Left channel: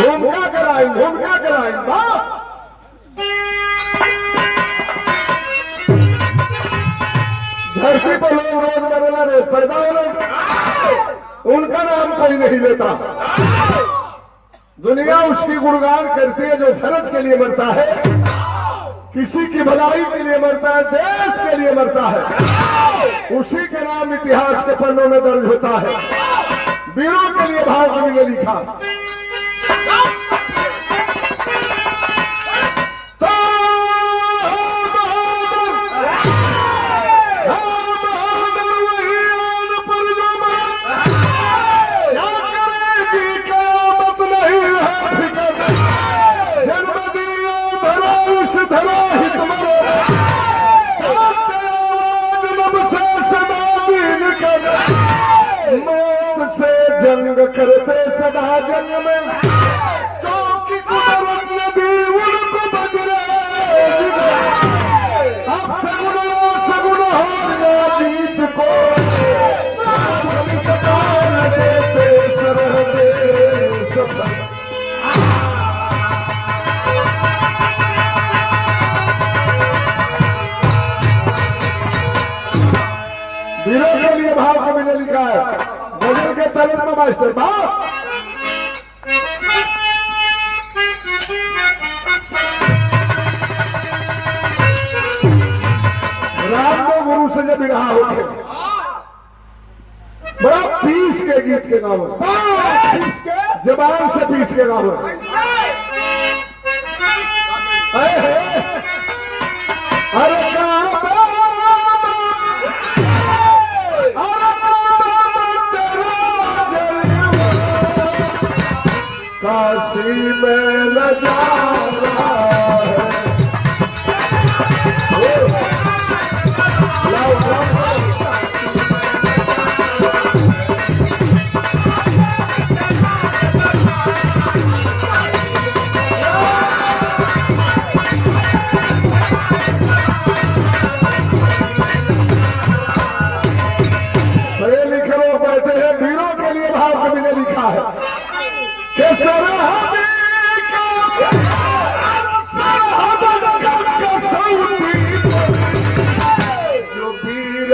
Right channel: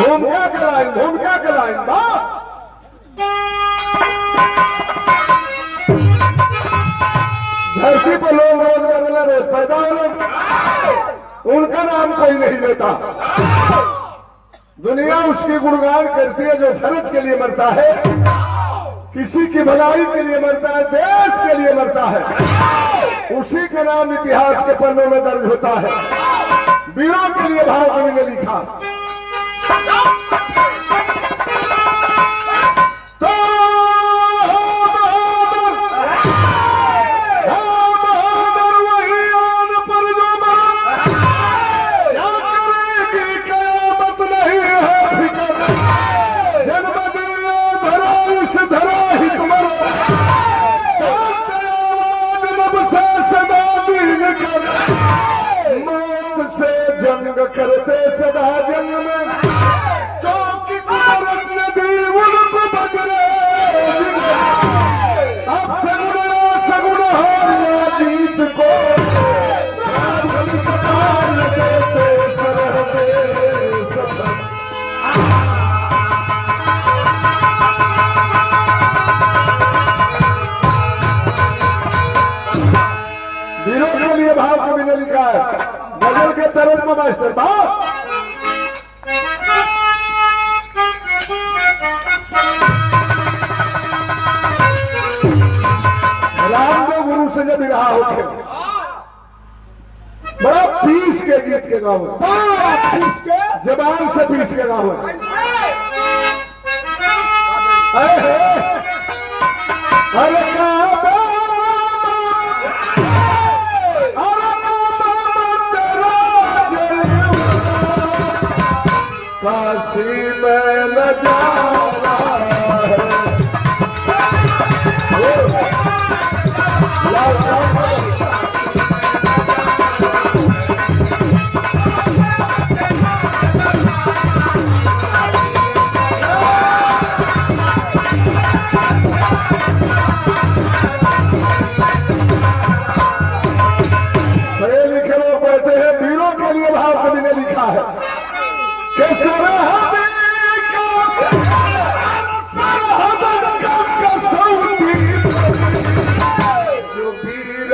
भूमिका के लाइन वाह। धरती पर लोग रोज मरना रोज पैदा होना, उनका नाम कोई नहीं लेता। दुनिया उसकी गुणगान करती है जो फर्ज के लिए मरता है, किसी की भलाई के लिए मरता है, देश के लिए मरता है, उसी का नाम इतिहास के पन्नों में दर्ज होता है। वीरों के लिए भाव कवि ने लिखा, मौत से जंग करते सदा जंग में, क्योंकि कुदरत नदी उनको बदले। अब सगुन हो या जीत को, देते सरहदे सफर। वीरों के लिए भाव कवि ने लिखा है, गजल के तरज में मास्टर भाव। राम को गुरु से जब रहा होते, बड़ा पीस के गीत के गाँव, जबान से पीस के गाँव। अरे काशी में नजारा पढ़े लिखे लोग बैठे हैं। वीरों के लिए भाव कवि ने लिखा है कि सरहद का कसौटी जो वीर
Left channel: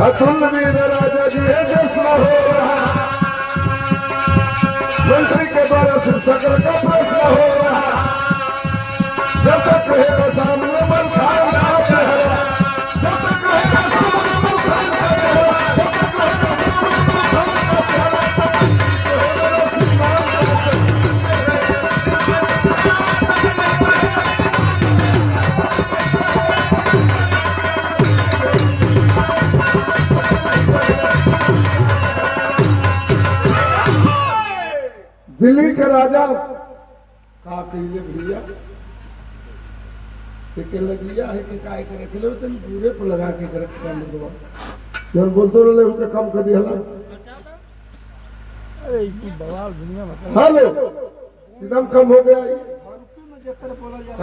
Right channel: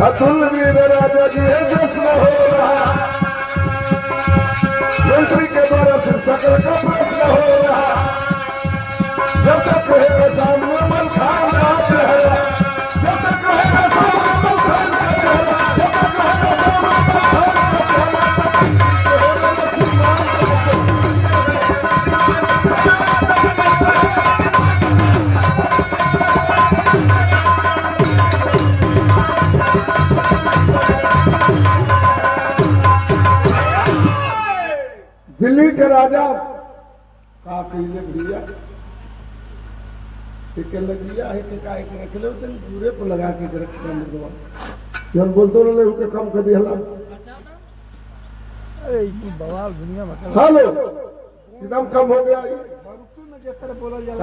अतुल वीर राजा जी जश्न हो रहा, मंत्री के द्वारा सिर सकल का प्रश्न हो रहा। जब तक रहेगा सामने बलखान राज है, जब तक रहेगा सामने बलखान राज है, जब तक रहेगा दिल्ली के राजा का कहिए भैया लगिया है कि काय के रख ले तन पूरे को लगा के रख जब बोलते रहे उसका कम कर दिया। अरे बवाल दुनिया मतलब हेलो एकदम कम हो गया।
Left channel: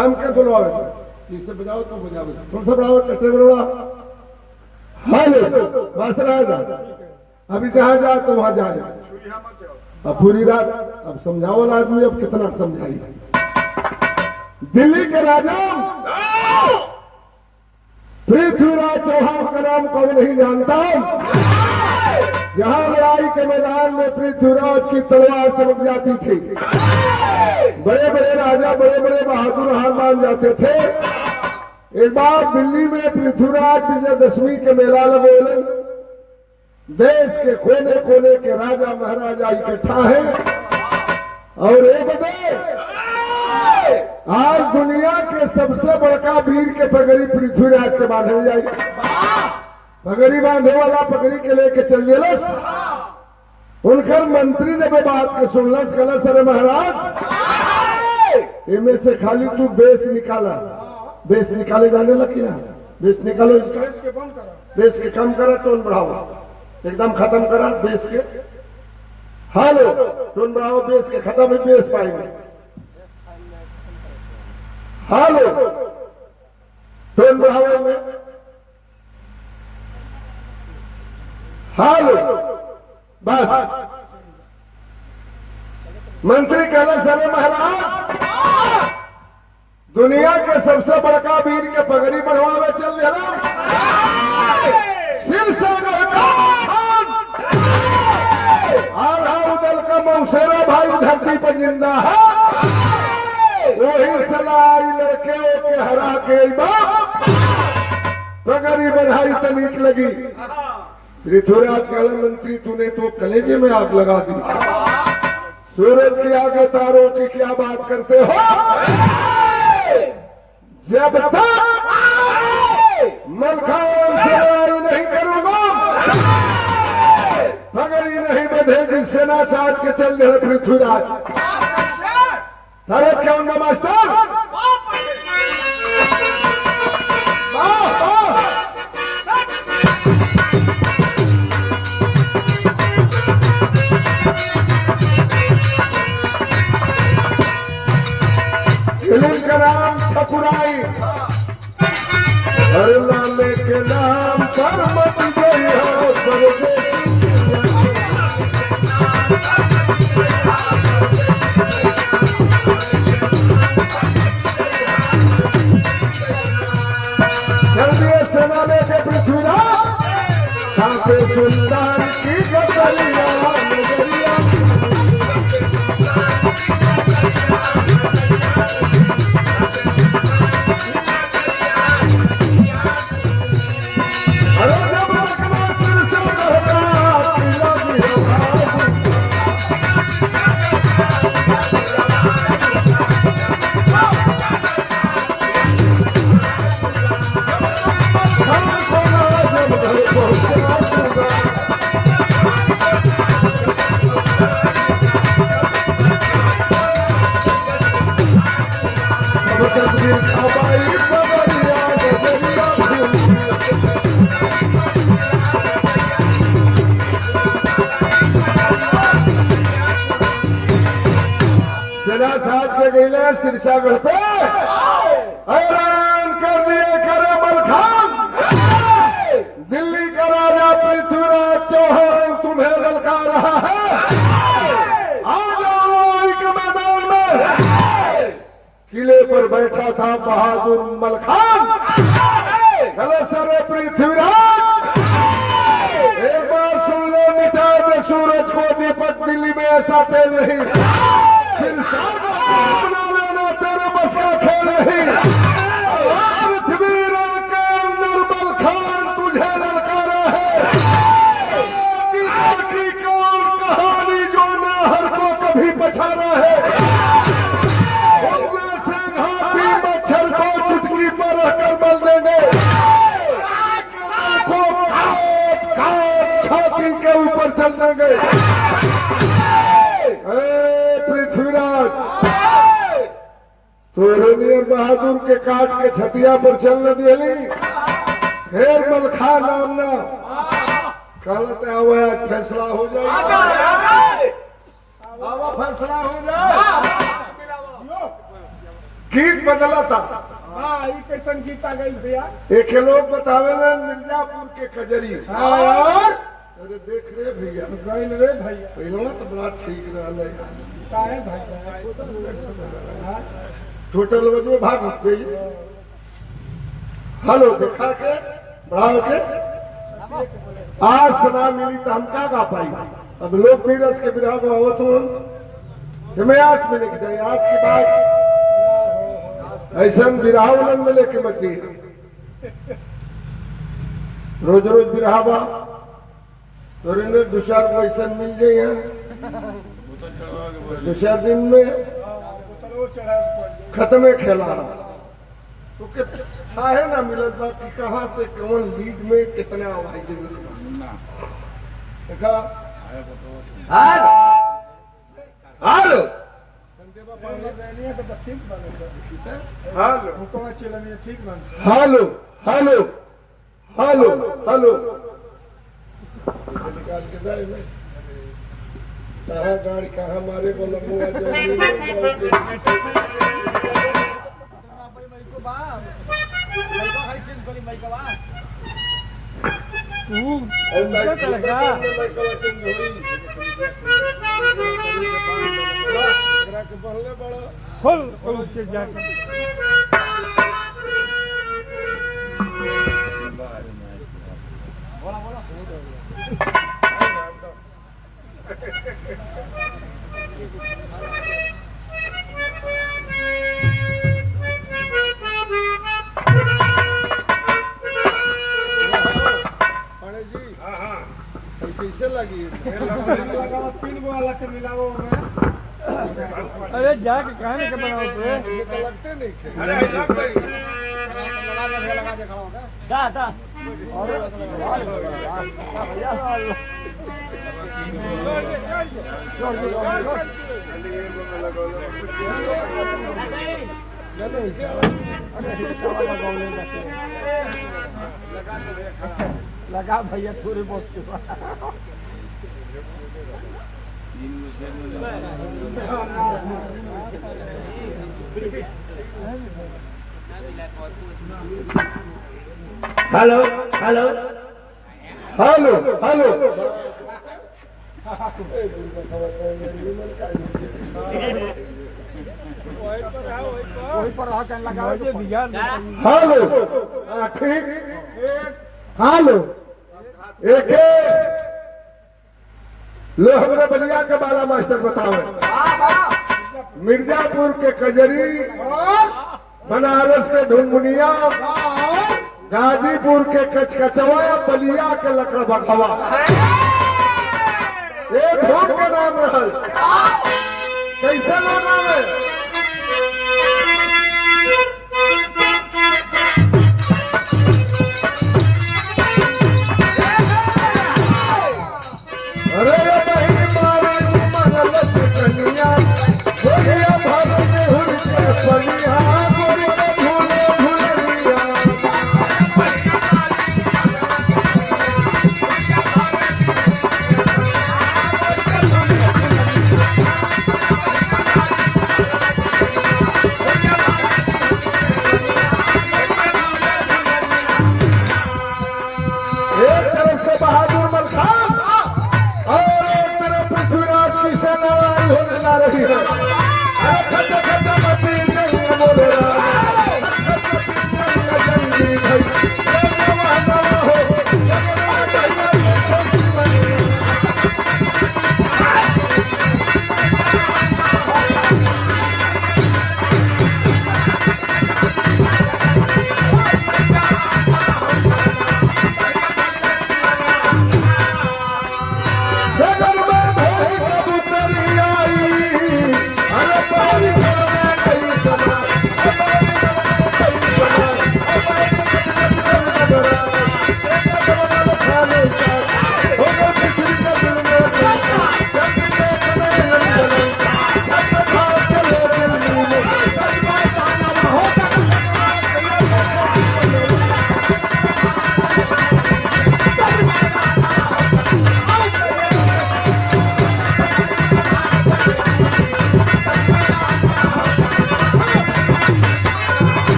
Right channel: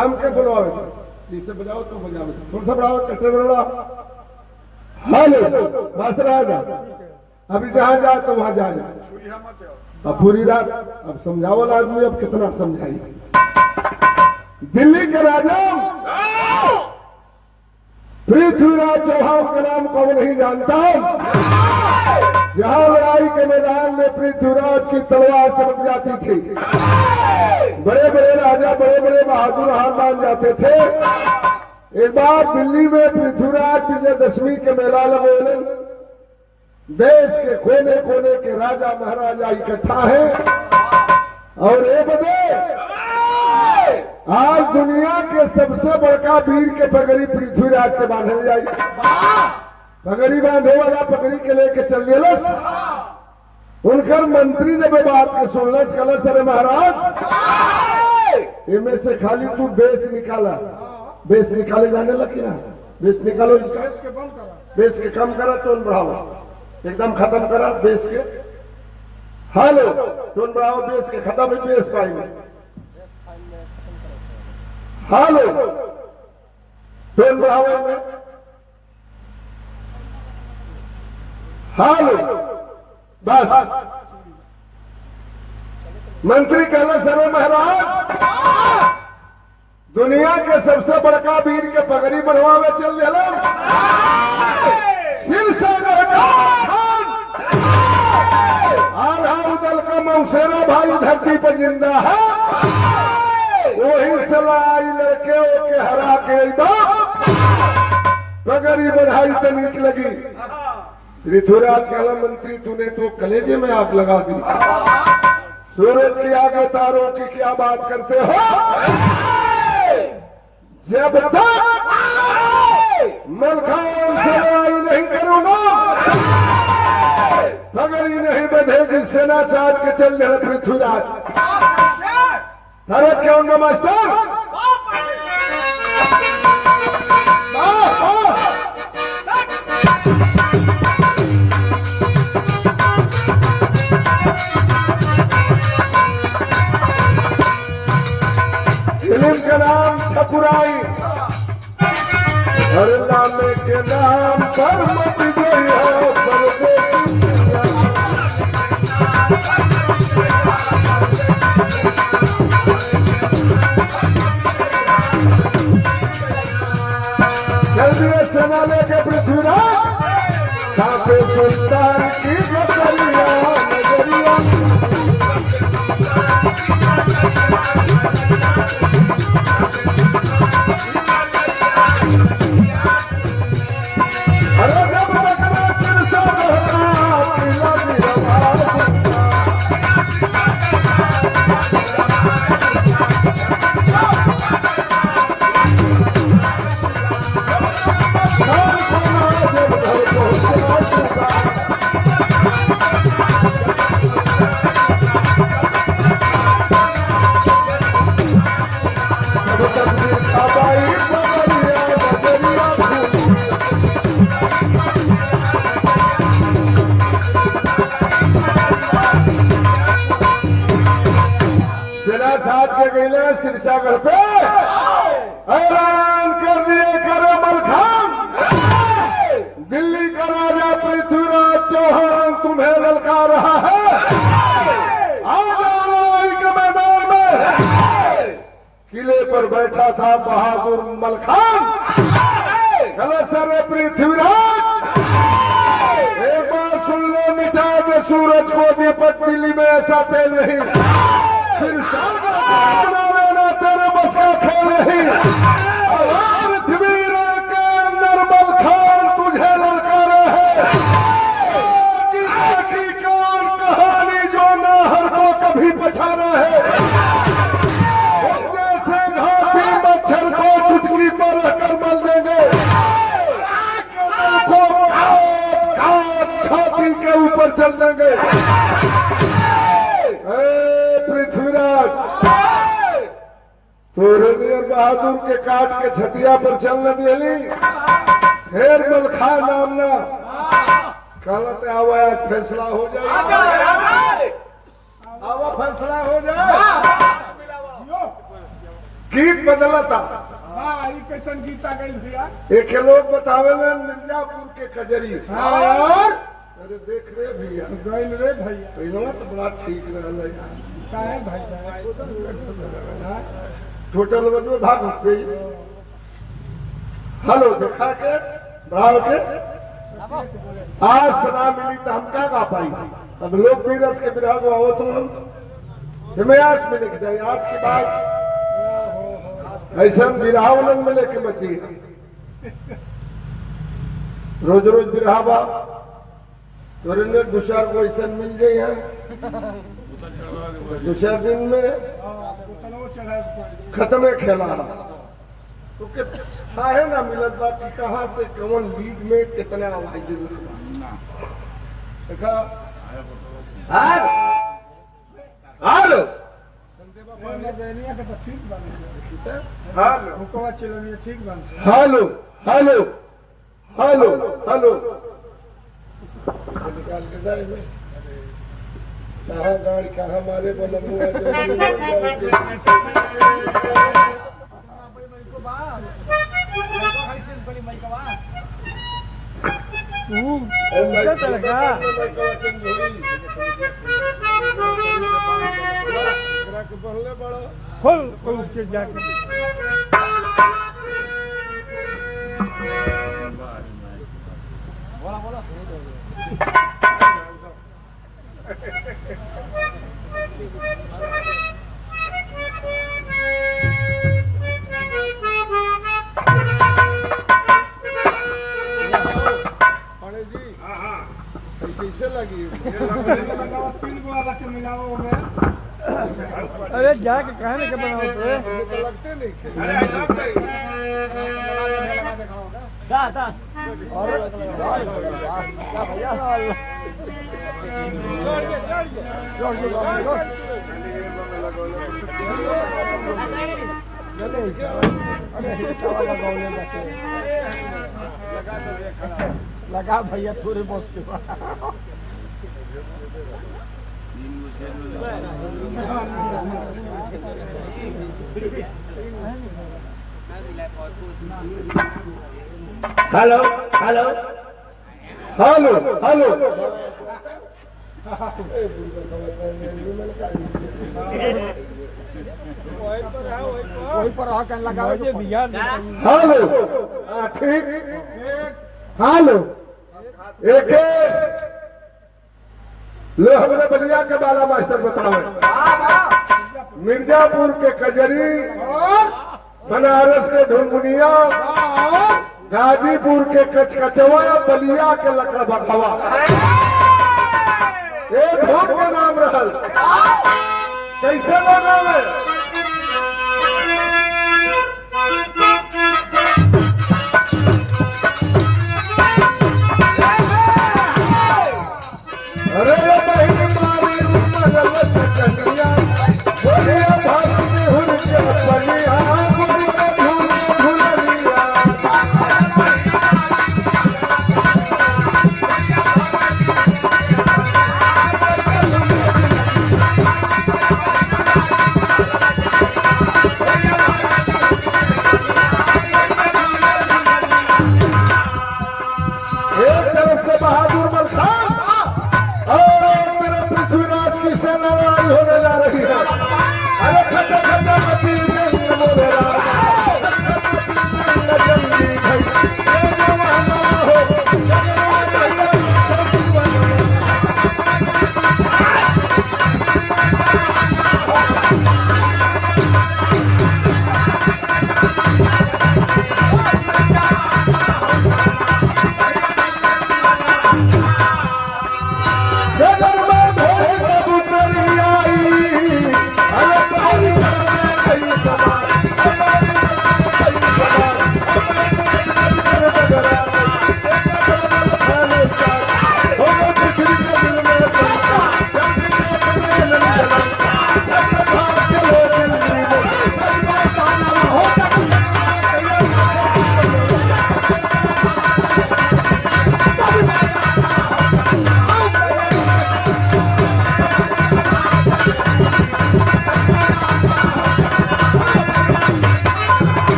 हम क्या बुलाओ इसे बजाओ तो बजाओ, थोड़ा सा बढ़ाओ, कट्टे बढ़ाओ। हेलो बस रहा जा, अभी जहां जा तो वहां जा। अब पूरी रात अब समझाओ आदमी, अब कितना समझाई। दिल्ली के राजा पृथ्वीराज चौहान का नाम कौन नहीं जानता। जहां लड़ाई के मैदान में पृथ्वीराज की तलवार चमक जाती थी, बड़े बड़े राजा बड़े बड़े बहादुर हार मान जाते थे। एक बार दिल्ली में पृथ्वीराज विजयदशमी के मेला लगे, देश के कोने कोने के राजा महाराजा इकट्ठा हैं और ये बदे आज दुनिया के सबसे बड़का वीर के पगड़ी पृथ्वीराज के बांधे जाए। पगड़ी बांधे वाला पगड़ी के लेके चल दिलस। उनकर मंत्री ने बात के सुनलस, कलस अरे महाराज इनमें से खाली तू बेस निकाला। बेस निकाले जाने लगी ना, बेस निकालो इसका, बेस के कम करा, टोन बढ़ाओ, एकदम खत्म करा बेस के। हेलो टोन बढ़ाओ, बेस के खत्म ही बेस पाएंगे। हेलो टोन बढ़ाओ में। हेलो बस मंत्री कहला सरे महाराज दुनिया के सबसे बड़का वीर के पगड़ी बढ़वावे चल दिला। आल्हा उदल का मौसेरा भाई धरती पर जिंदा है। वही सलाई लड़के के हरा के पगड़ी बढ़ाई तनिक लगी। पृथ्वीराज कहला मंत्री तूने तो कलेजे में आग लगा दी। सूरज के आगे तारों की क्या बात करते हो। जब तक मलखान से लड़ाई नहीं करूंगा पगड़ी नहीं बंधेगी। सेना साज के चल रहे पृथ्वीराज। तरज क्या उनका मास्टर फिल्म का नाम ठकुराई। हर लाले के नाम पर मच गई है परदेसी। जल्दी सेना लेके पृथ्वीराज खाते सुल्तान की बदलिया नजरिया। साज के गईले सिरसागढ़ पे ऐलान कर दिए करे मलखान। दिल्ली का राजा पृथ्वीराज चौहान तुम्हें ललकार रहा है। आ जाओ लड़ाई के मैदान में। किले पर बैठा था बहादुर मलखान। चलो सरे पृथ्वीराज एक बार सुन लो, मिटा दे सूरज को निपट। दिल्ली में ऐसा तेल नहीं। तेरे बस का खेल नहीं। पृथ्वी के अंदर मलखान तुझे ललकारा है। की कहानी जो नाहर को कभी पछाड़ा है। जैसे घाटी मच्छर को चुटकी पर रखकर मल देंगे को काट छाती के ऊपर चल देंगे। पृथ्वीराज तोरनियर बहादुर के काट के छतिया पर चलने दिली। फिर मलखा नामना कहते आवा फैसला हो जाए। फैसला हो जाए। गीत बदला था हाँ, ये कैसन गीता गई भैया? एक लोग बतावे ना मिर्जापुर के कजरी। और अरे देख रे भैया, गइल रे भैया। पहले तो बड़ा ठीक रहा है। का है भाई साहब? टोटल में भाग गई। हेलो दिखा के बढ़ाओ के आज सुना मिली तो हम का पाई। अब लोग भी रस के विराह को आवत हिमायास में लेके जाए। आज के बाद ऐसा विराह में लेके मत जाइए। रोज रोज विराह बा दो चार को ऐसा मिल जाए। दो चार दिन में खत्म खेला तो था है ना मिलत बात कि कहाँ से कौन लीग में कितना आवाज दे देखा। हेलो ठीक बने से। हेलो हुकवा चिलनिया ठीक बन से। हेलो हेलो हेलो हेलो निकाल के जाए में कहाँ गाड़ी कहाँ मारे बोला बनले बड़ा खोल के जाके कैसे लगी? 3 गो वाला के मिलाओ में। अरे जाके कहने के बनाओ तो तो लगते नहीं थे। लगा भैया थोड़ी बहुत के हेलो हेलो हेलो हेलो वही पर रहा कहने लगा मुझे बिगाड़ देता हूँ। हेलो हाँ ठीक। हेलो एक लो हमारे बलिया के बाला मास्टर बताओ। मिर्जापुर के कजरी, बनारस के ढुनमुनिया, गाजीपुर के कचकचवा, बलिया के लकड़ा बखवा। एक धूप का नाम रहल कैसे लगा है? अरे बहन मारी उमर लचकनिया, बोलिया भारत में हुन के बनिया, बोलिया भूले भूलिया।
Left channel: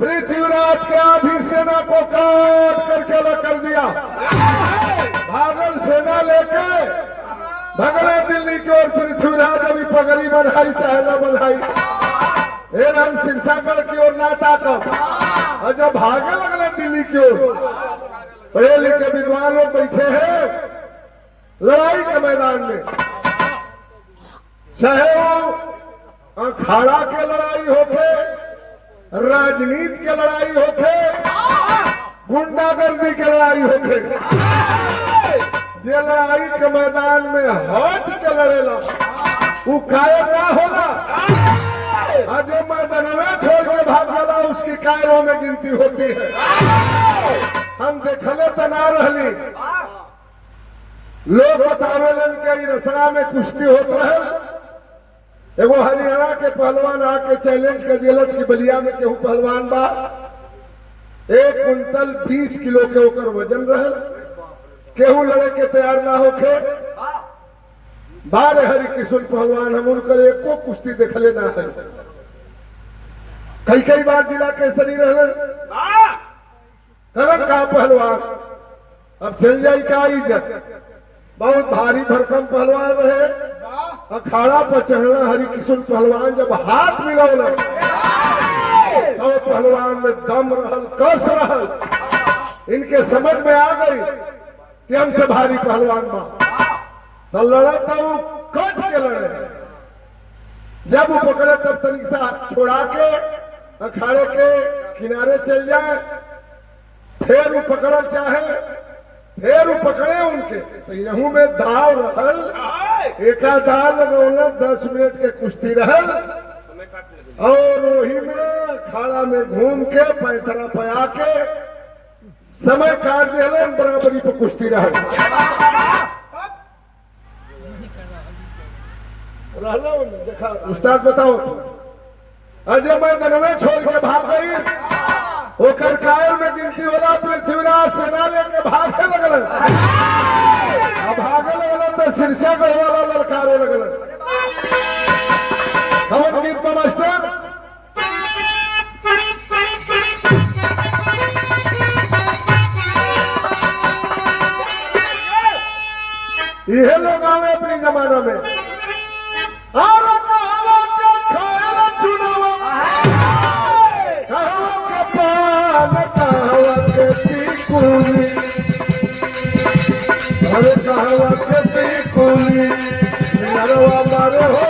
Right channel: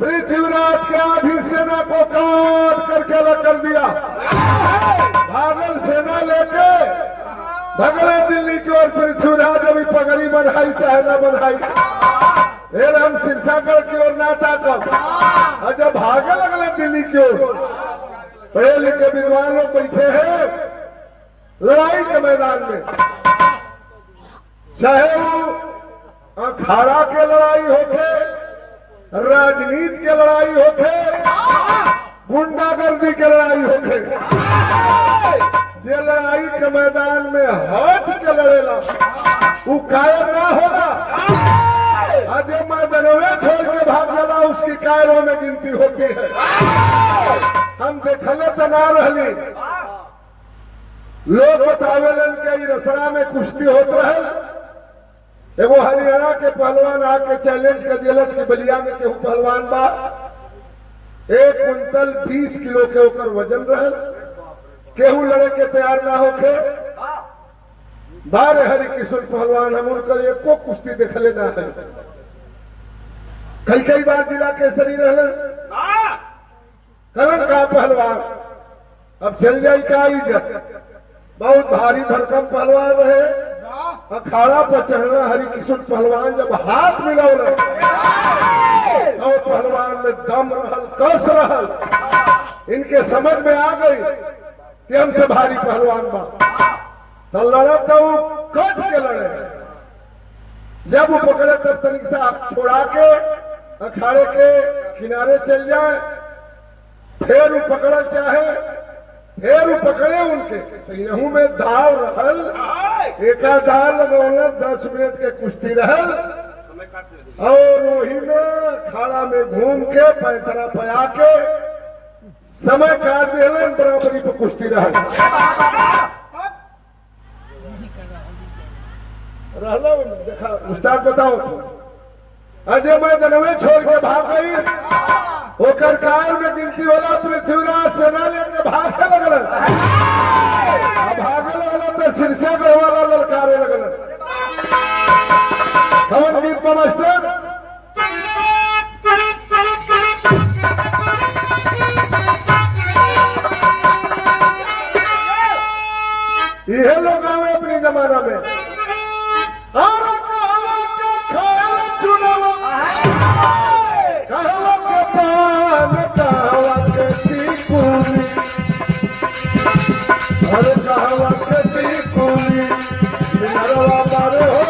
पृथ्वीराज के आधी सेना को काट करके अलग कर दिया। भागल सेना लेके भगला दिल्ली की ओर। पृथ्वीराज अभी पगड़ी बनाई चाहे ना बनाई, फिर हम सिरसागढ़ की ओर ना ताकब। और जब भागे लगला दिल्ली की ओर, पढ़े लिखे विद्वान लोग बैठे हैं लड़ाई के मैदान में, चाहे वो अखाड़ा के लड़ाई होके, राजनीति के लड़ाई होके, गुंडागर्दी के लड़ाई होके, जे लड़ाई के मैदान में हट के लड़ेला वो कायर ना होला। आज मैदानवे छोड़ के भाग गला उसकी कायरों में गिनती होती है। हम देखले तो ना रहली, लोग बतावेलन के रसड़ा में कुश्ती होत रहे। एगो हरियाणा के पहलवान आके चैलेंज कर दिलस कि बलिया में केहू पहलवान बा, 1 कुंटल 20 किलो के ओकर वजन रहल, केहू लड़े के तैयार ना होके। बारे हरि किशन पहलवान हम उनकर एको कुश्ती देखले ना है। कई बार जिला केसरी रहल करम का पहलवान। अब चल जाई का इज्जत, बहुत भारी भरकम पहलवान रहे। अखाड़ा पर चढ़ला हरि किशन पहलवान जब हाथ मिलौल तो पहलवान में दम रहल, कस रहल। इनके समझ में आ गई कि हमसे भारी पहलवान बा, तो लड़ा तो कट के लड़े। जब वो पकड़े तब तनिक से हाथ छोड़ा के अखाड़े के किनारे चल जाए, फिर वो पकड़ल चाहे, फिर वो पकड़े उनके। तो यहू में दाव रहल, एका दाव लगौले 10 मिनट के कुश्ती रहल। और वही में खाड़ा में घूम के पैतरा पया के समय काट दिलन, बराबरी पे कुश्ती रहल। रहला देखा उस्ताद बताओ, अजय मैदानवे छोड़ के भाग गई। ओकर कायल में गिनती होला। पृथ्वीराज सेना लेके भागे लगल। अब भागे लगल तो सिरसागढ़ वाला ललकारे लगल। कौन गीत का मास्टर? यह लोग आवे अपनी जमाना में। और कहवा के खाया चुनावा, कहवा के पान, कहवा के टिकुली, अरे कहवा के टिकुली, नरवा मारे हो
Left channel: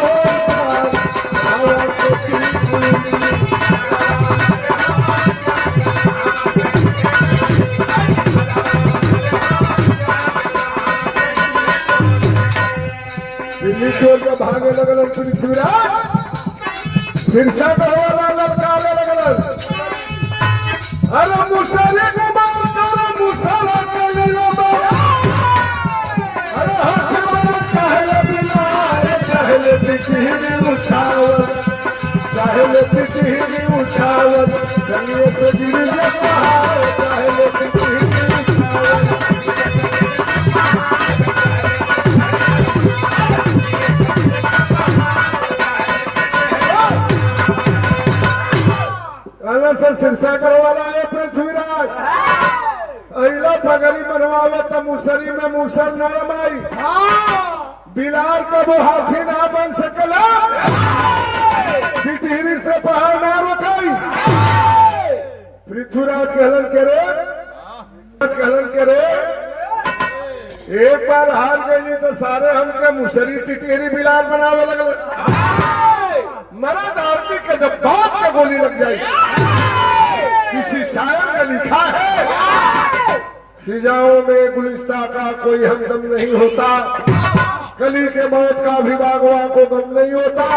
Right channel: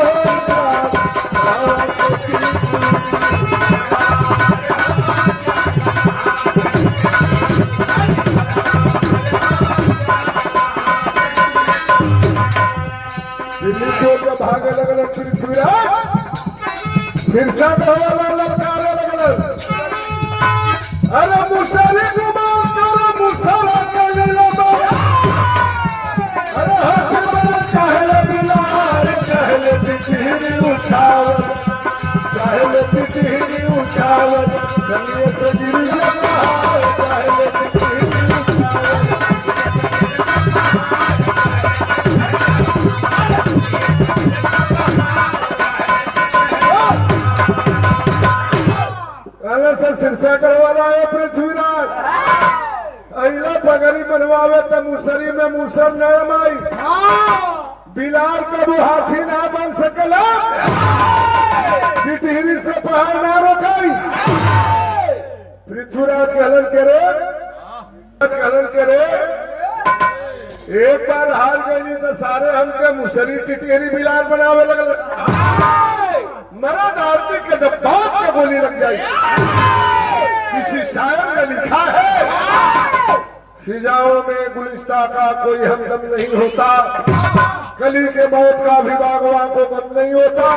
कहवा के टिकुली। दिल्ली छोड़ के भागे लगल पृथ्वीराज, सिरसागढ़ वाला ललकारे लगल। अरे मुसरी गुमान करो, मुसला करी लो। अरे हाथी बना चाहे बिलार, चाहे तिहरी उठावत, चाहे तिहरी उठावत, गंगे से गिर जाता, चाहे तिहरी सर सिरसागढ़ वाला है पृथ्वीराज। अहिला पगड़ी बनवावे तो मुसरी में मूसर नरम आई। बिलार का वो हाथी ना बन सकला, टिहरी से पहाड़ ना रोकाई। पृथ्वीराज कहलन के रे, एक बार हार गई तो सारे हमके मुसरी टिहरी बिलार बनावे लगल। मरद आदमी के जब बात का गोली लग जाए, किसी शायर ने लिखा है, फिजाओं में गुलिस्ता का कोई हमदम नहीं होता, कली के मौत का भी बागवान को गम नहीं होता।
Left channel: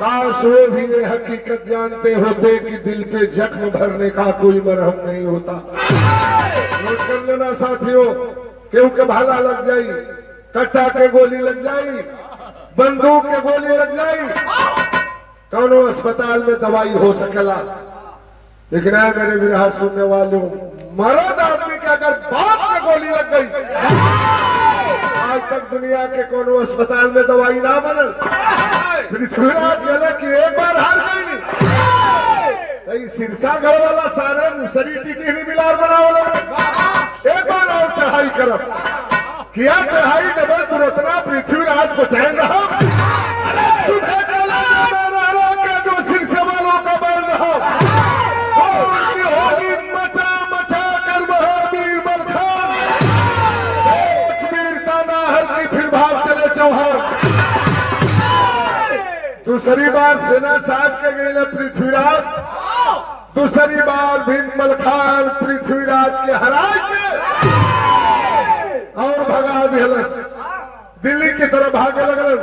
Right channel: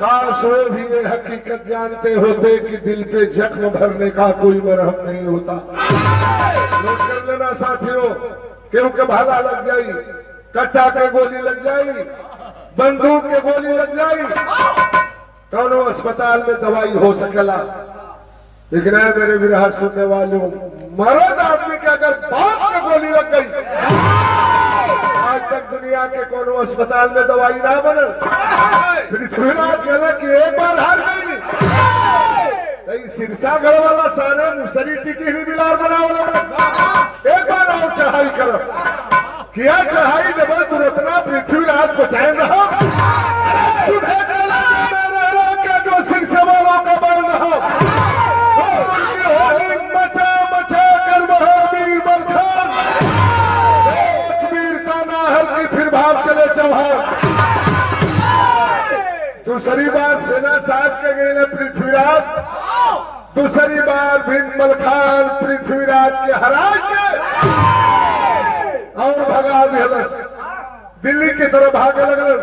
काश वो भी ये हकीकत जानते होते कि दिल पे जख्म भरने का कोई मरहम नहीं होता। नोट कर लेना साथियों, क्योंकि भाला लग जाई, कट्टा के गोली लग जाई, बंदूक के गोली लग जाई, कौनो अस्पताल में दवाई हो सकेला। लेकिन आए मेरे विरह सुनने वालों, मर्द आदमी के अगर बाप के गोली लग गई, आज तक दुनिया के कोनो अस्पताल में दवाई ना बनल। पृथ्वीराज कहला कि एक बार हार गई, सिरसागढ़ वाला सारे मुसरी टिकरी बिलार बनावल एक बार और चढ़ाई करब किया चढ़ाई डबल तुरंतना पृथ्वीराज को चैन रहो अरे सुबह के जो सिरसा वालों का बल रहो होली मचा मचा कर महावीर मलखान वीरता ना हर की फिर भाग चले चौहान दूसरी बार सेना साज के गए पृथ्वीराज दूसरी बार भीम मलखान पृथ्वीराज के हरा के और भगा दिलस दिल्ली की तरफ भागे लगल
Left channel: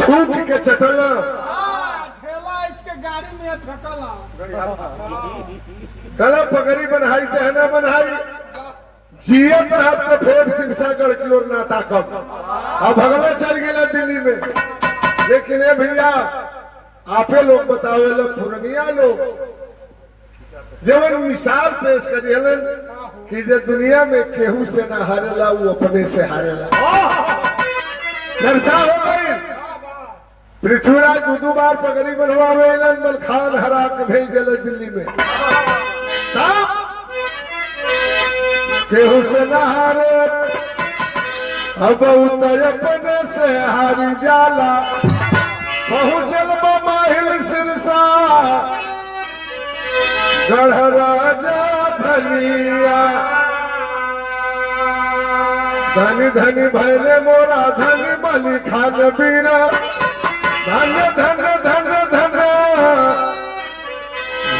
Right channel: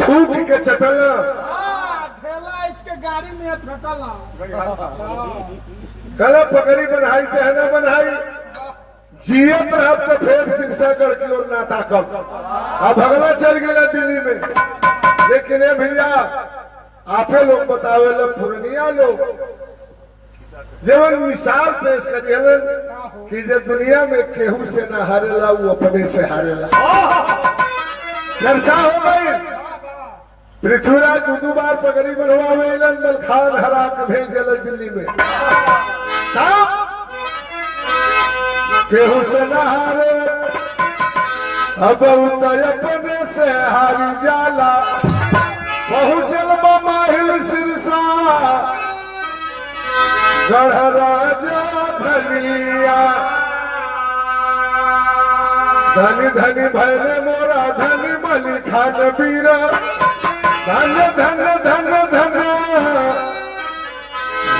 थूक के चटल ठेला इसके गाड़ी में फेंकला कल पगड़ी बनाई चाहे न बनाई जियत रहा तो फिर सिरसागढ़ की ओर नाता कब अब भगला चल गया दिल्ली में लेकिन ये भैया आपे लोग बतावे पुरनिया लोग जवन मिसाल पेश करिए कि जो दुनिया में केहू से ना हारेला वो अपने से हारेला चर्चा हो गई पृथ्वीराज दो बार पगड़ी बनवावे मलखान हरा के भेज दिल दिल्ली में तब केहू से न हारे अब अपने से हारी जाला पहुंचल माहिल सिरसा गढ़ राजा धनिया धनी धनी भैले मोरा धनी मली खान बीरा धन धन धन धन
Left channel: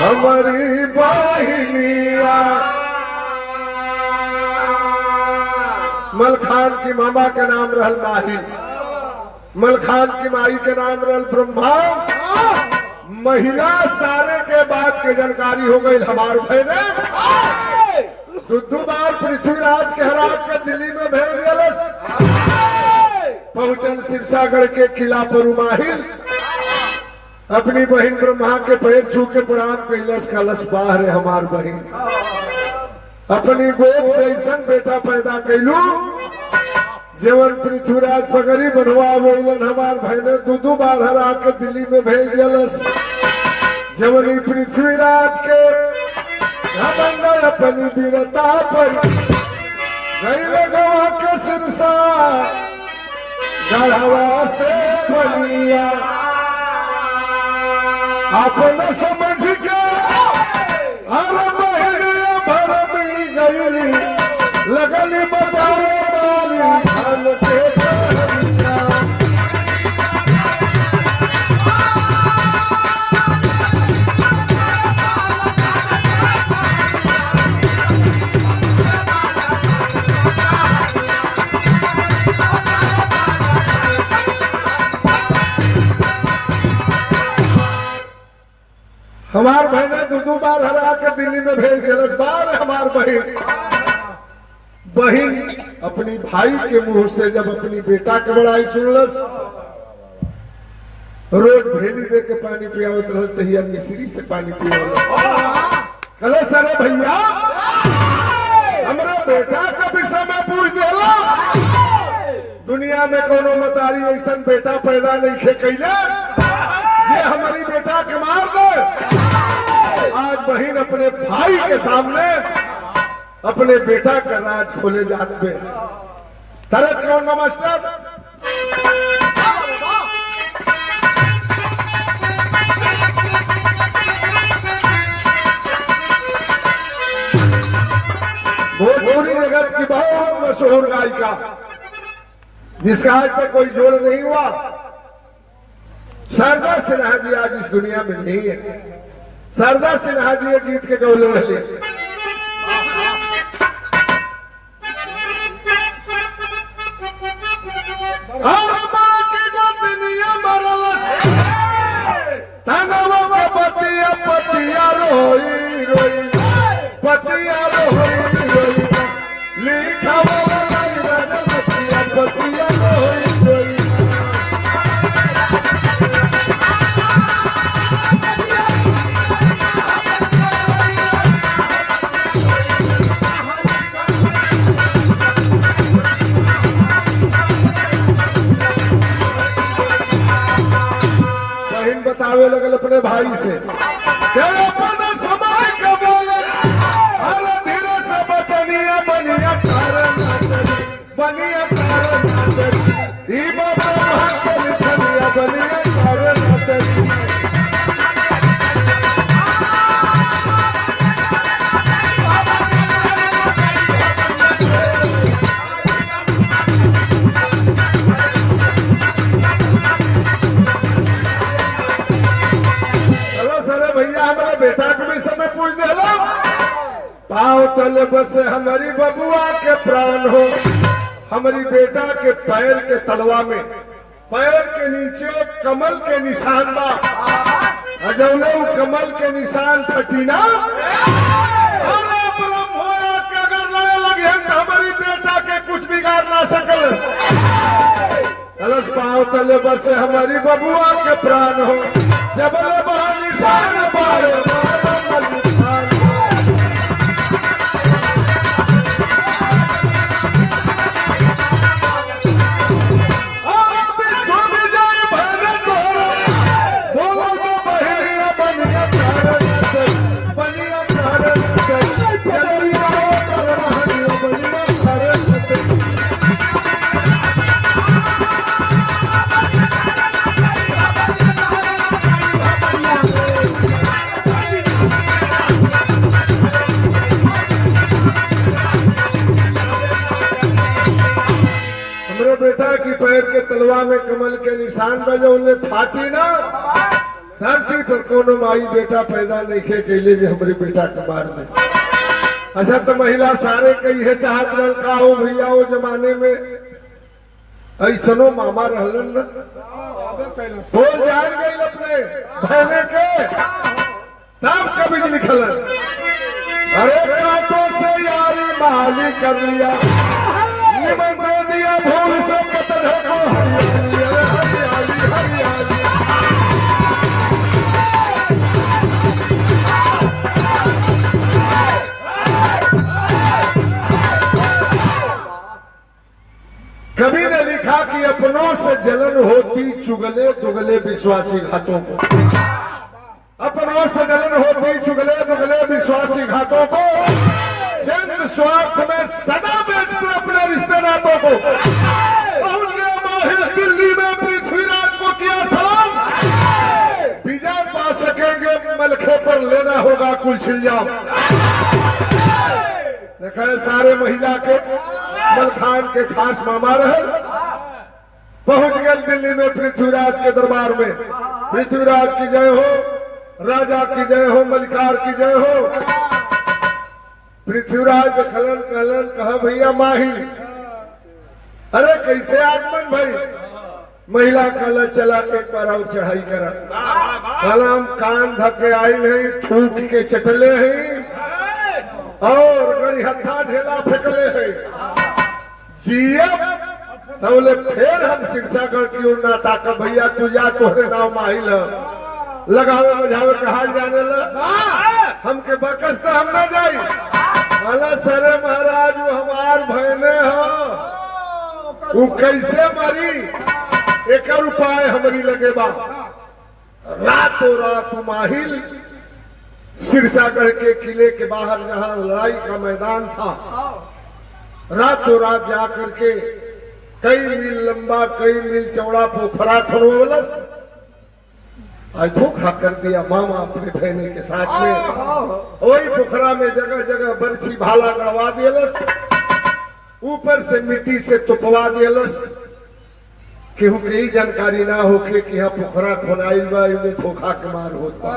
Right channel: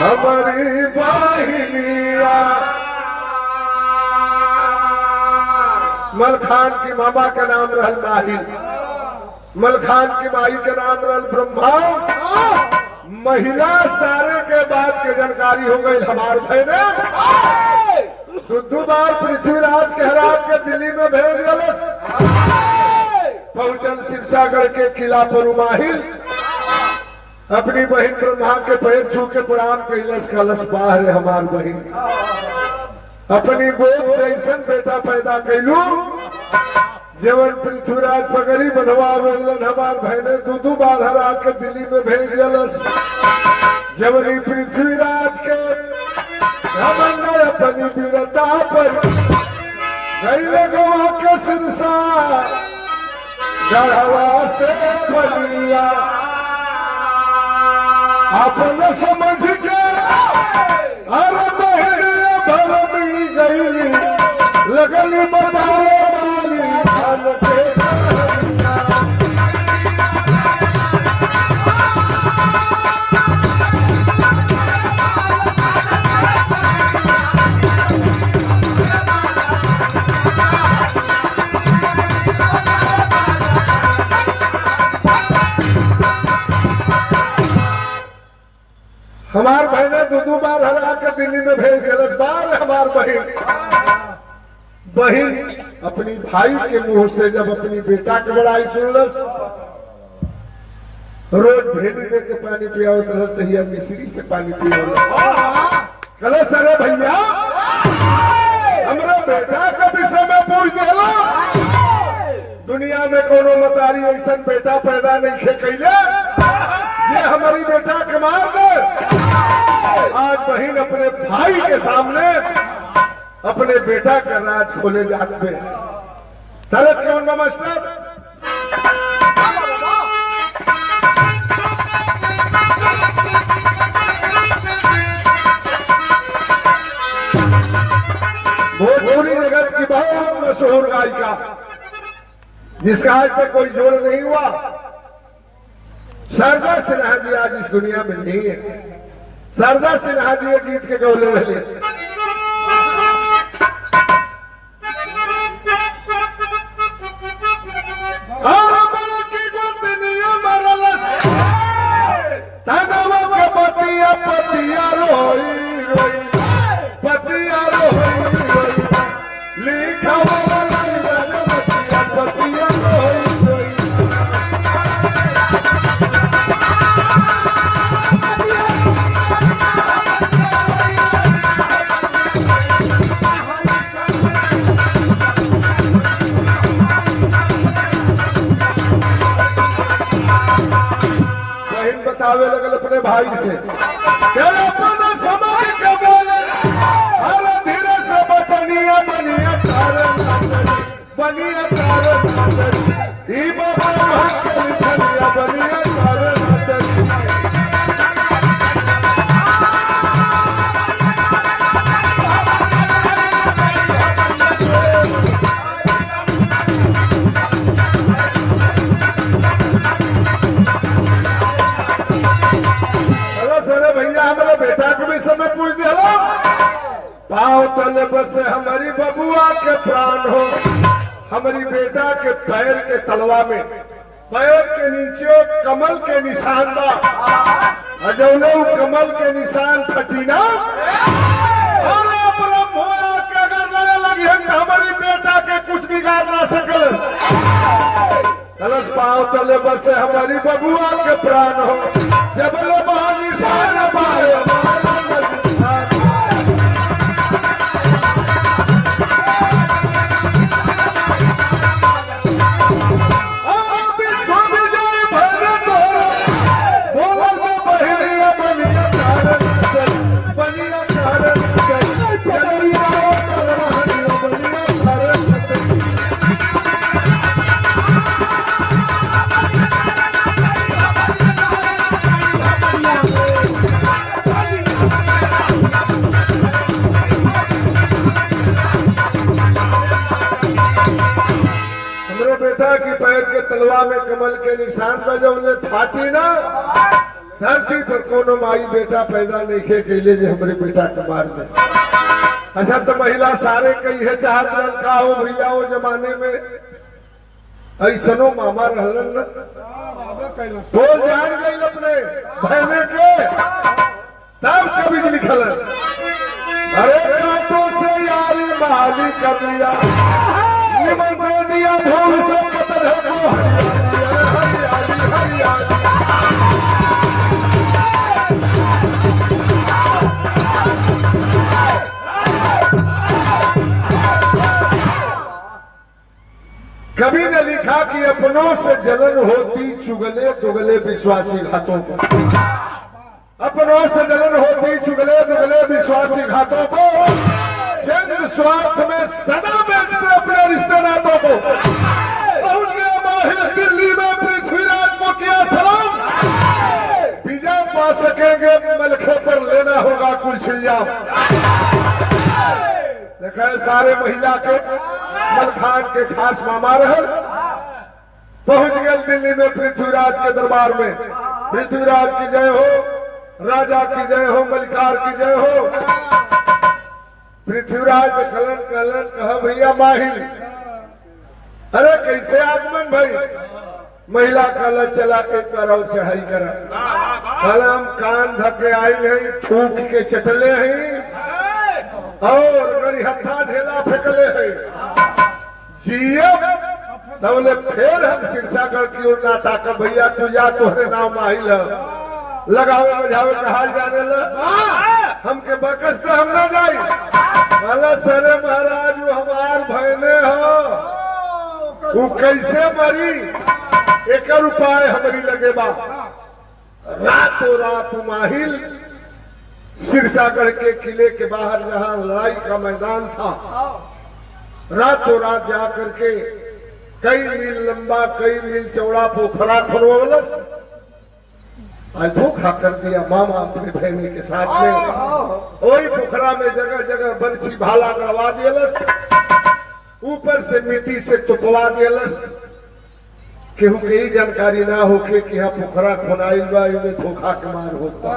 हमारी बाहिनिया मलखान की मामा का नाम रहल माहिल मलखान की माई के नाम रहल ब्रह्मा महिला सारे के बात के जानकारी हो गई हमार बहने दो बार पृथ्वीराज के हरा के दिल्ली में भेज दिलस पहुंचल सिरसागढ़ के किला पर माहिल अपनी बहन ब्रह्मा के पैर छू के प्रणाम कैलस कलश बाहर हमार बहन अपनी गोद से ऐसा बेटा पैदा कैलू जेवन पृथ्वीराज पगड़ी बनवावेलन हमार बहने दो बार हरा के दिल्ली में भेज दिलस जवन पृथ्वीराज के घमंड अपनी वीरता पर गईले गवा के सिरसा गढ़वा से बलिया अपना समझ के अरे बहने भरमी गईली लगली बताओ वाली धन के हमार बहने दो बार हरा के दिल्ली में भेज दिलस बार हमार बहन अपनी भाई के मुंह से जब अपनी बेटा के बड़ाई सुनलस रोज भेली दे के पानी पियावत रहल तहिया मिश्री से पानी पियावत कहले सरे भैया हमरा बेटा का विषय में पूछ देला दुनिया में कोनो मतारी ऐसा बेटा पैदा नहीं खे कैले जे हमारी बेटा के मार दे आज बहन अपने भाई के सामने अपने बेटा का राज खोले जात पे तरस कौन मास्टर भोजपुरी जगत की बहुत मशहूर गायिका जिसका आज तक कोई जोड़ नहीं हुआ शारदा सिन्हा जी आज इस दुनिया में नहीं है शारदा सिन्हा जी एक गीत के गौले रहे पतिया पतिया रोई रोई पतिया रोई रोई लिखा पतिया रोई रोई भाई से क्या अपना समझ के बोले अरे धीरे से बचनिया बनिया बनिया ई बाबा भक्त लिखलिया बनिया बेटा के भी समय पूछ दे पाँव तले बस हमारी बबुआ के प्राण हो हमारी बेटा के पैर के तलवा में पैर के नीचे कमल के निशान बा अजौले कमल के निशान फटीना के अगर लगे लगे हमारी बेटा के कुछ बिगाड़ ना सकल अलग पाँव तले बस हमारी बबुआ के प्राण हो जबल बाहर निशान पाए बेटा की पैर के तलवा में कमल के निशान बजे फाटी ना धरती पर कोनो माई बेटा पैदा नहीं खे कैले जे हमारे बेटा के मार दे अच्छा तो महिला सारे कही है चाहत रहल का हो भैया वो जमाने में ऐसनो मामा रहलन न तो जान गई अपने बहने के तब कभी लिखलन अरे कांटों से यारी बहाली कर लिया निमन दे दिया भूल से पतल है को हरियाली हरियाली कभी ने लिखा कि अपनों से जलन होती चुगले दुगले विश्वासी घातों को अपनों से जलन होती चुगले दुगले विश्वासी घातों को चंद स्वार्थ में सदा बेचते अपने रिश्ते नातों को दिल्ली में पृथ्वीराज को किया सलाम विजय पा सकेंगे मलखे पर लेना होगा कुल छिलजाम देखा सारे महिला के मलखान के खास मामा रहल पहुंच गए दिल्ली में पृथ्वीराज के दरबार में पृथ्वीराज की जय हो राजा की जय हो मलिकार की जय हो पृथ्वीराज खलन कहलन कहा भैया माहिल अरे कैसे आगमन भाई महिला कहला चला एक बार और चढ़ाई करा कहला हम कान धके आई है थूक के चटले हैं और गड़ी हत्था ढेला फेंकले है जीएम तबले फिर हम शिक्षागढ़ की ओर ना ताकब भैया तुझा तोहरे नाम माहिल लगावे बुझावे कहा जाने लगा हमके बकस तो हम ना जाई वाला सरे महाराज वो हमार भयने हो वो कैसे मरी एक उपाय हमारी लगे बा रातों रात माहिल सिरसागढ़ के किले के बाहर जहाँ लड़ाई का मैदान था रातों रात जाकर के कई मील लंबा कई मील चौड़ा पोखरा खुनवलस आज धोखा कर दिया मामा अपने बहने के साथ में वही पोखरा में जगह जगह बर्छी भाला गड़वा दियलस ऊपर से मिट्टी से तुपवा दियलस केहू के ही जानकारी ना होके कि यहाँ पोखरा खुनाइल बा इनमें धोखा के मार होता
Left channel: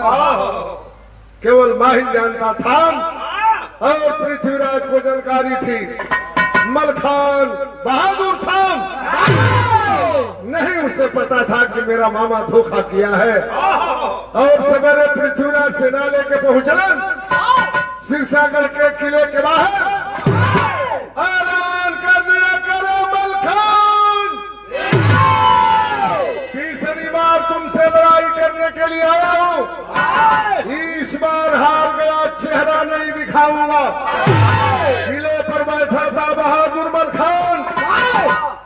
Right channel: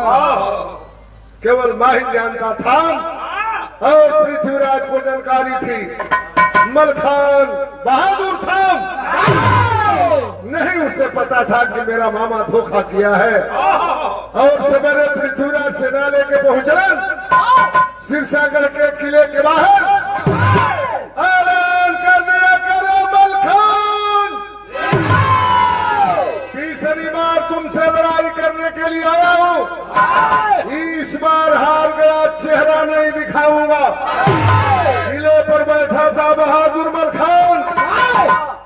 केवल माहिर जानता था और पृथ्वीराज को जानकारी थी मलखान बहादुर था नहीं उसे पता था कि मेरा मामा धोखा किया है और सवेरे पृथ्वीराज सेना लेके पहुंचलन सिरसागढ़ के किले के बाहर ऐलान कर दिया करो मलखान तीसरी बार तुमसे लड़ाई करने के लिए आया हूं इस बार हार गया चेहरा नहीं दिखाऊंगा किले पर बैठा था बहादुर मलखान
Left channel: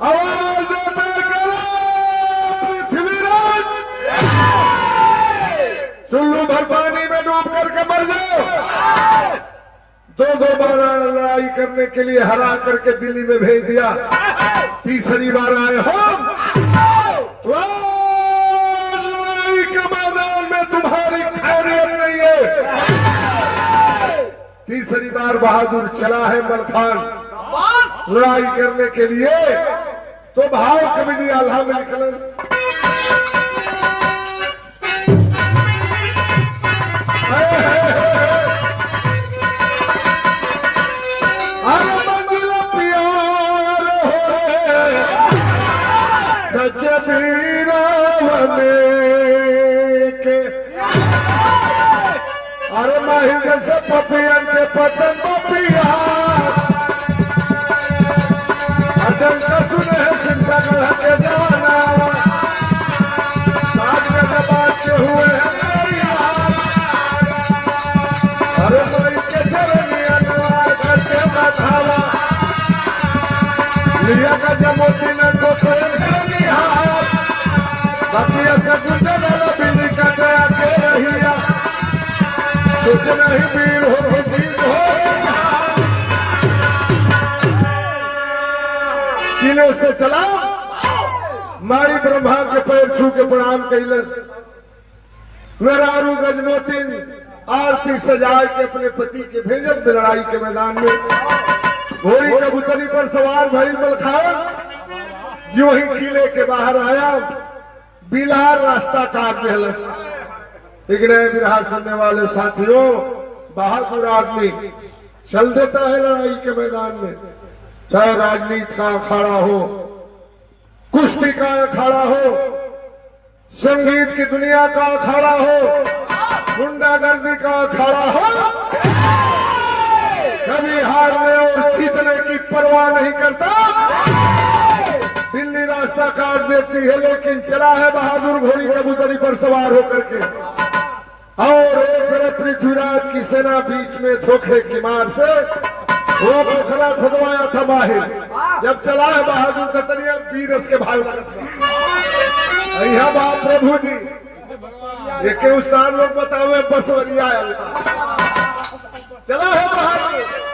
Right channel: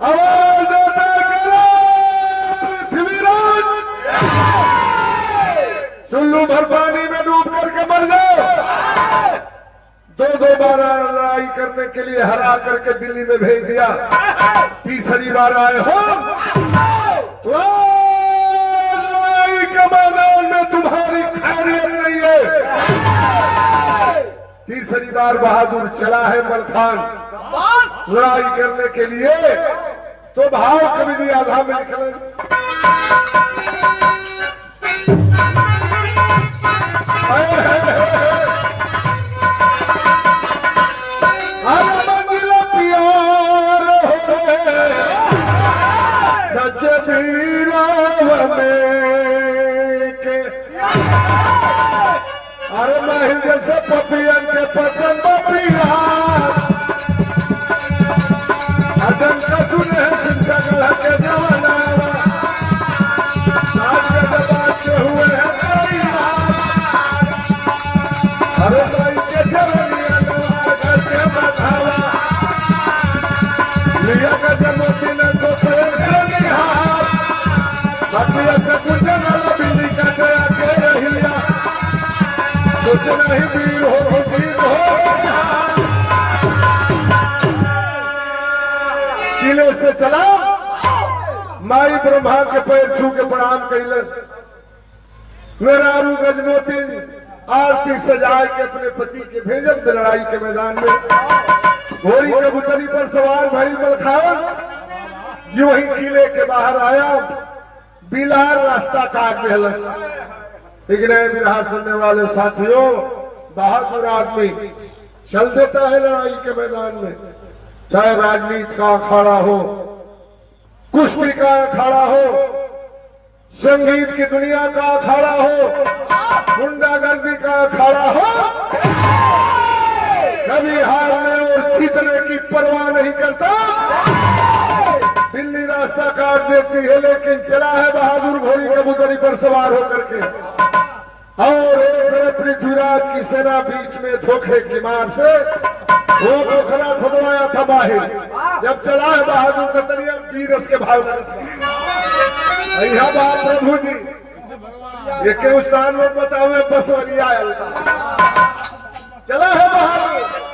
आवाज देते पृथ्वीराज सुन डूब करके मर जाओ। दो बार लड़ाई करने के लिए हरा करके दिल्ली में भेज दिया, तीसरी बार आए हो तो लड़ाई के मैदान में तुम्हारी खैरियत नहीं है। तीसरी बार बहादुर चला है मलखान लड़ाई करने के लिए, तो भाव कभी नहीं आल्हा में निकले। प्यार सच के अरे महिंद्र से पपियन के पतन पपिया सुने हैं शिक्षा के जाना साथ के जबात के हुए हैं अरे भाई के चरनिया द्वार करके बधावा लिया का जमोती ने को प्रेम से निहार बकिया से गुजर वाला बिल्ली का गया के रहिया कुछ नहीं वीर हो जीत हो किले से चला माई ब्रह्मा के पैर छू के प्रणाम कैलन। मेरारू गजमोतिन आरती सजाए के अपने पति के भेजन में लड़ाई के मैदान में घोड़ी कबूतरी पर सवार भइल मलखान जो वही किले के बाहर आया बिलार रास्ता काट देहलस। इग्नय बिरहा सुनने वाले साथियों, बहादुर आदमी चल देता है लड़ाई के मैदान में, चाहे राजनीति का अखाड़ा हो, कुश्ती का अखाड़ा हो, संगीत की दुनिया का अखाड़ा हो, गुंडागर्दी का अखाड़ा हो, कभी हारने और जीतने की परवाह नहीं करता। दिल्ली रास्ता काट देती है लेकिन चला है बहादुर घोड़ी कबूतरी पर सवार होकर के, और एक तरफ पृथ्वीराज की सेना बीच में धोखे की मार से वो पोखरा खुदवाया था माहिर। जब चला है बहादुर कतरिया वीरस के भाव यहाँ बाप प्रभु जी ये के उस्ताद लोग बतावे बसवरिया चला है बहादुर।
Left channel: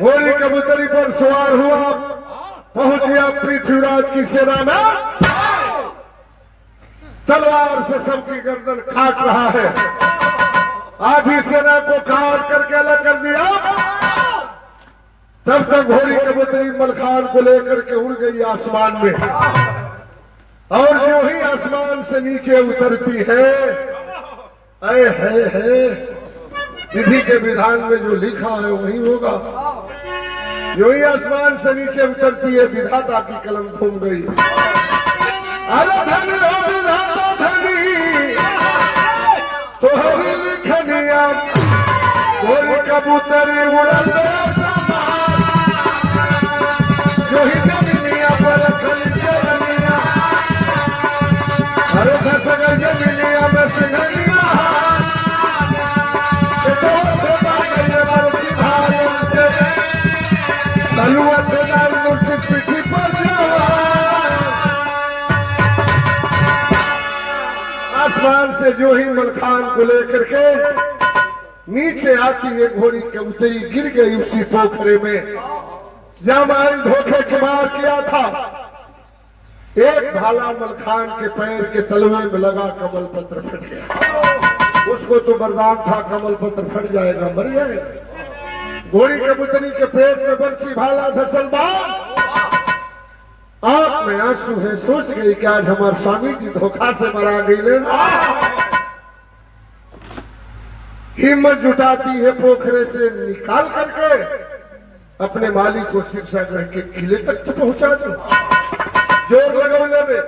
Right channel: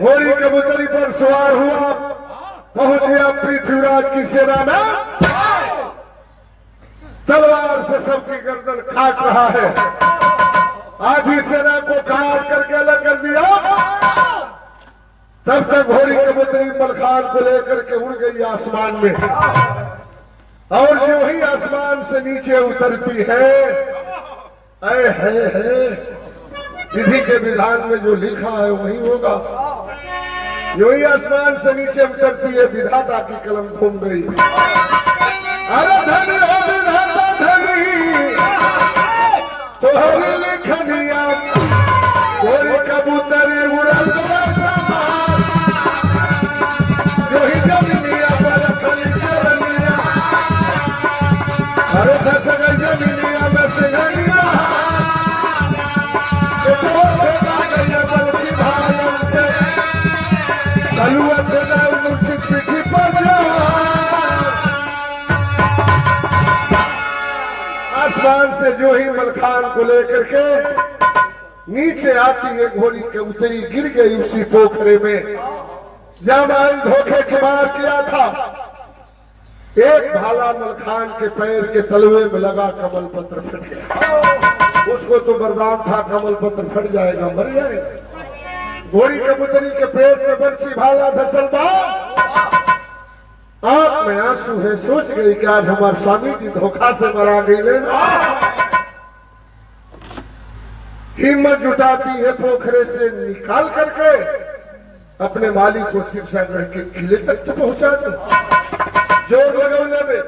घोड़ी कबूतरी पर सवार हुआ, पहुंच गया पृथ्वीराज की सेना में, तलवार से सबकी गर्दन काट रहा है, आधी सेना को काट करके अलग कर दिया। तब तक घोड़ी कबूतरी मलखान को लेकर के उड़ गई आसमान में, और जो ही आसमान से नीचे उतरती है, विधि के विधान में जो लिखा है वही होगा। जो ही आसमान से नीचे उतरती है, विधाता की कलम घूम गई। अरे धन हो विधाता धनी तोहरी लिखनिया, घोड़ी कबूतरी उड़ल गया सामान, जो ही जमीनिया पर रखल चरनिया, अरे खसगर जमीनिया में सिंघनिया, आसमान से जो ही मलखान को लेकर के नीचे आती है, घोड़ी कबूतरी गिर गई उसी पोखरे में जहां माइन धोखे के मार किया था। एक भाला मलखान के पैर के तलवे में लगा, कमल पत्र फट गया। उसको तो वरदान था कमल पत्र फट जाएगा, मर जाएगा। घोड़ी कबूतरी के पेट में बरसी भाला धसल आंख में आंसू है, सोच गई कि आज हमारे स्वामी जी धोखा से मरा गई। हिम्मत जुटाती है, पोखरे से निकाल करके अपने मालिक को शीर्षागढ़ के किले तक तो पहुंचा दो। जोर लगौले में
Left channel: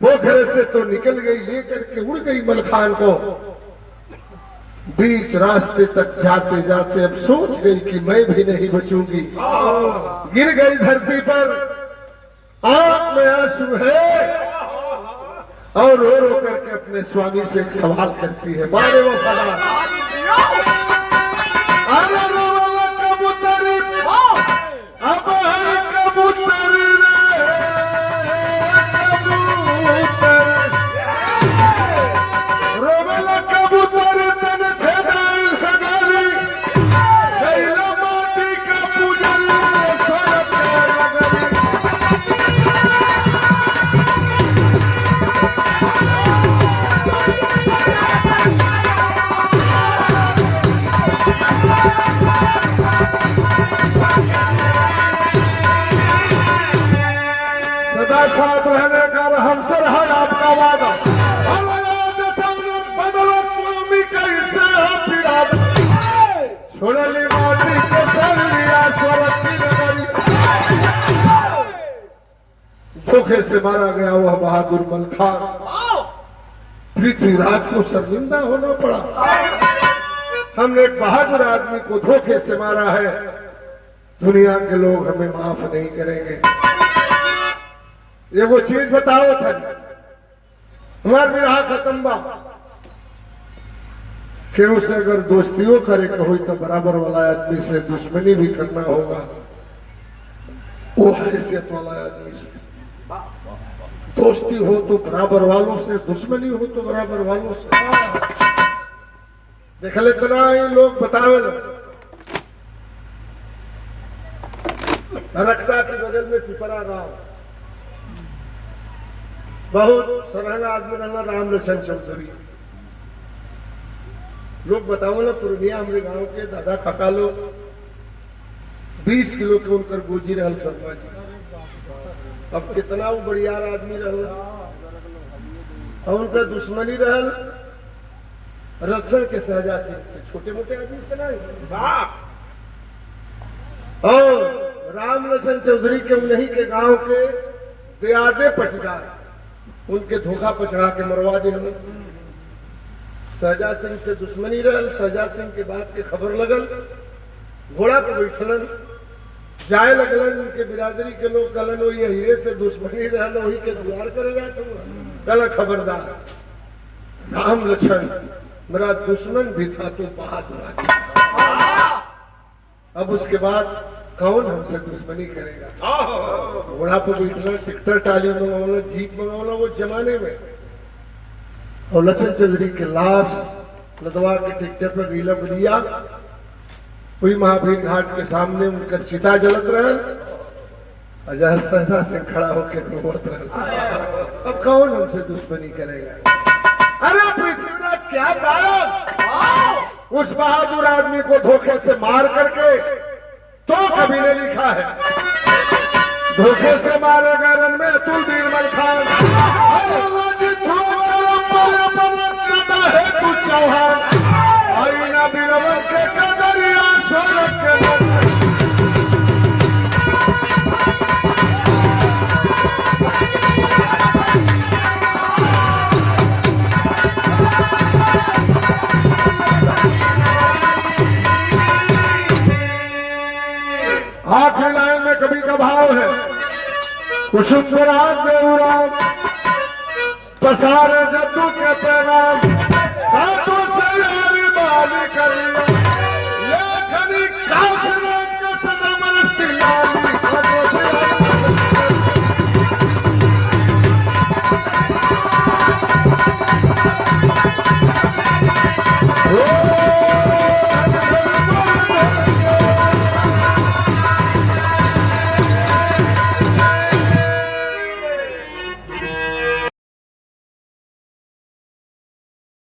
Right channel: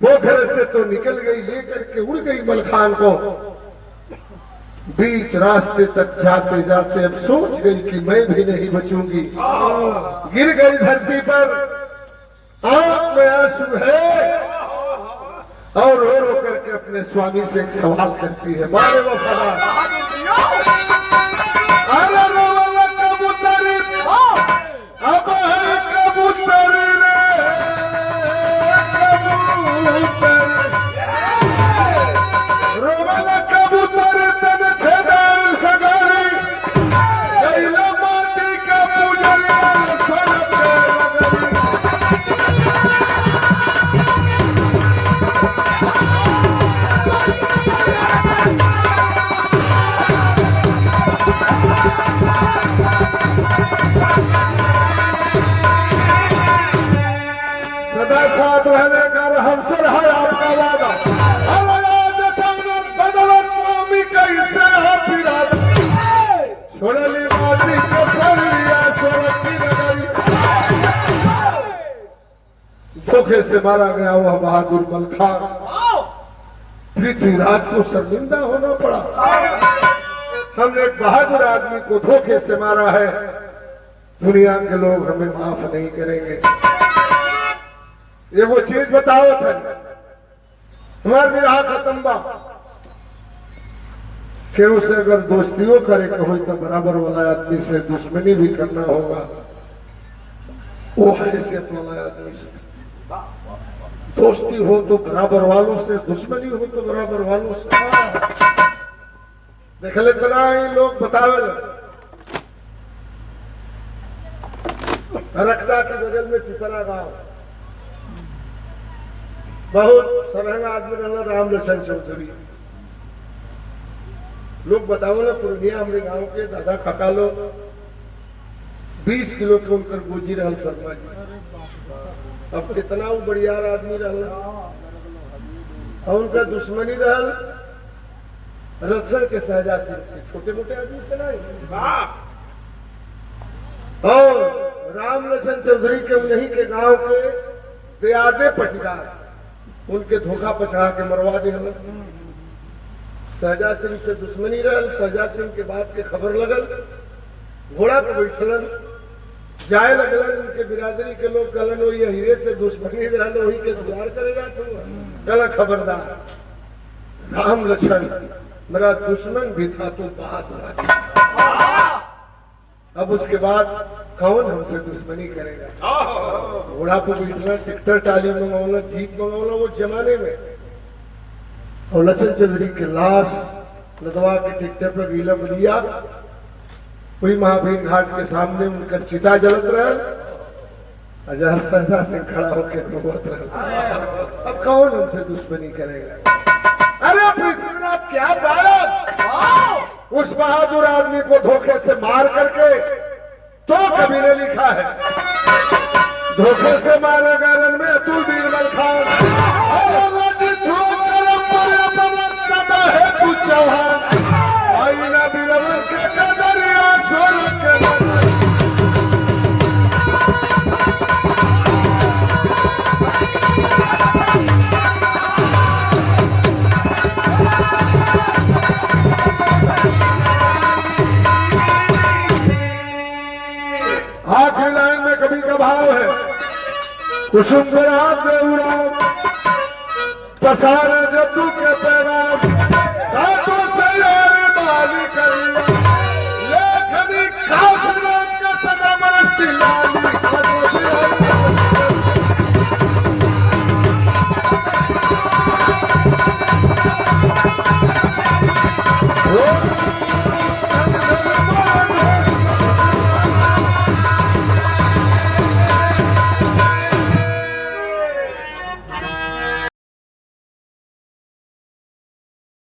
पोखरे से तो निकल गई, लेकर के उड़ गई मलखान को। बीच रास्ते तक जाते जाते अब सोच गई कि मैं भी नहीं बचूंगी। गिर गई धरती पर, आंख में आंसू है और रो रो करके अपने स्वामी से एक सवाल करती है। मारे वो फला अरे रो वाला कबूतरी, अब है कबूतरी रे कबूतर, रो वाला कबूतरी तन छेदाई सगारी, गैला माटी का पूजन सोलत साथ रहने का हमसे है आपका वादा। बदलो स्वामी कैसे छोड़ने माटी को धोखे से मारा गया वह बहादुर मलखान। पृथ्वीराज को शर्मिंदा होना पड़ा। हमने एक बहादुर आदमी को धोखे से मारा है, दुनिया के लोग हमें माफ नहीं करेंगे। ये वो चीज बताओ था हमार विराह खत्म बा कि उसे अगर दोस्तियों करे कहो तो बराबर वाला आदमी से दुश्मनी भी करना होगा। वो हैसियत वाला आदमी से दोस्ती हो तो बराबर वालों से, दुश्मनी हो तो बराबर वालों से। देख लेते ना ये लोग बतावे रक्षा के बगल में पिपरा गांव बहुत सराहना आदमी रहना राम लक्षण चौधरी। लोग बताओ ना पूर्णिया हमारे गांव के दादा काका लोग 20 किलो के उनकर गोजी रहल शर्मा जी। अब कितना वो बढ़ियार आदमी रहल और उनका दुश्मनी रहल रक्षण के सहजा सिंह से, छोटे मोटे आदमी से नहीं। और राम लक्षण चौधरी के उन्हीं के गांव के दयादे पटीदार उनके धोखा पछड़ा के मरवा दे। हमें सहजा सिंह से दुश्मनी रहल। सहजा सिंह के बात के खबर लगल, घोड़ा पर बैठलन, जाए लगलन। उनके बिरादरी के लोग कहलन वो ये हीरे से दुश्मनी रहल, वही के द्वार कर गया तुम। कहला खबरदार, राम लक्षण मेरा दुश्मन भी था तो बहादुर आदमी था। अब उसके बाद कौन हमसे दुश्मनी करेगा। घोड़ा पर बैठना, टिकटर टाली मंगौला, जीप मंगौला वो जमाने में। और लक्षण चौधरी के लाश लदवा के टिकटर पर गीला बलिया वही महावीर घाट के सामने उनकर चिता जलत रहल। अजय सहजा सिंह खड़ा होकर रोवत रहल। अब कौन हमसे दुश्मनी करेगा। अरे पृथ्वीराज क्या पाया उस बहादुर आदमी को धोखे से मार करके, तो कभी ने लिखा है धोखे से मारे गए रण में अतुल बीरबल खान। सदा है तू चौहान, आईना बीरबल के कदरिया सोलह के। आखिरी लाइन में कभी का भाव है, कुसुम पसार जब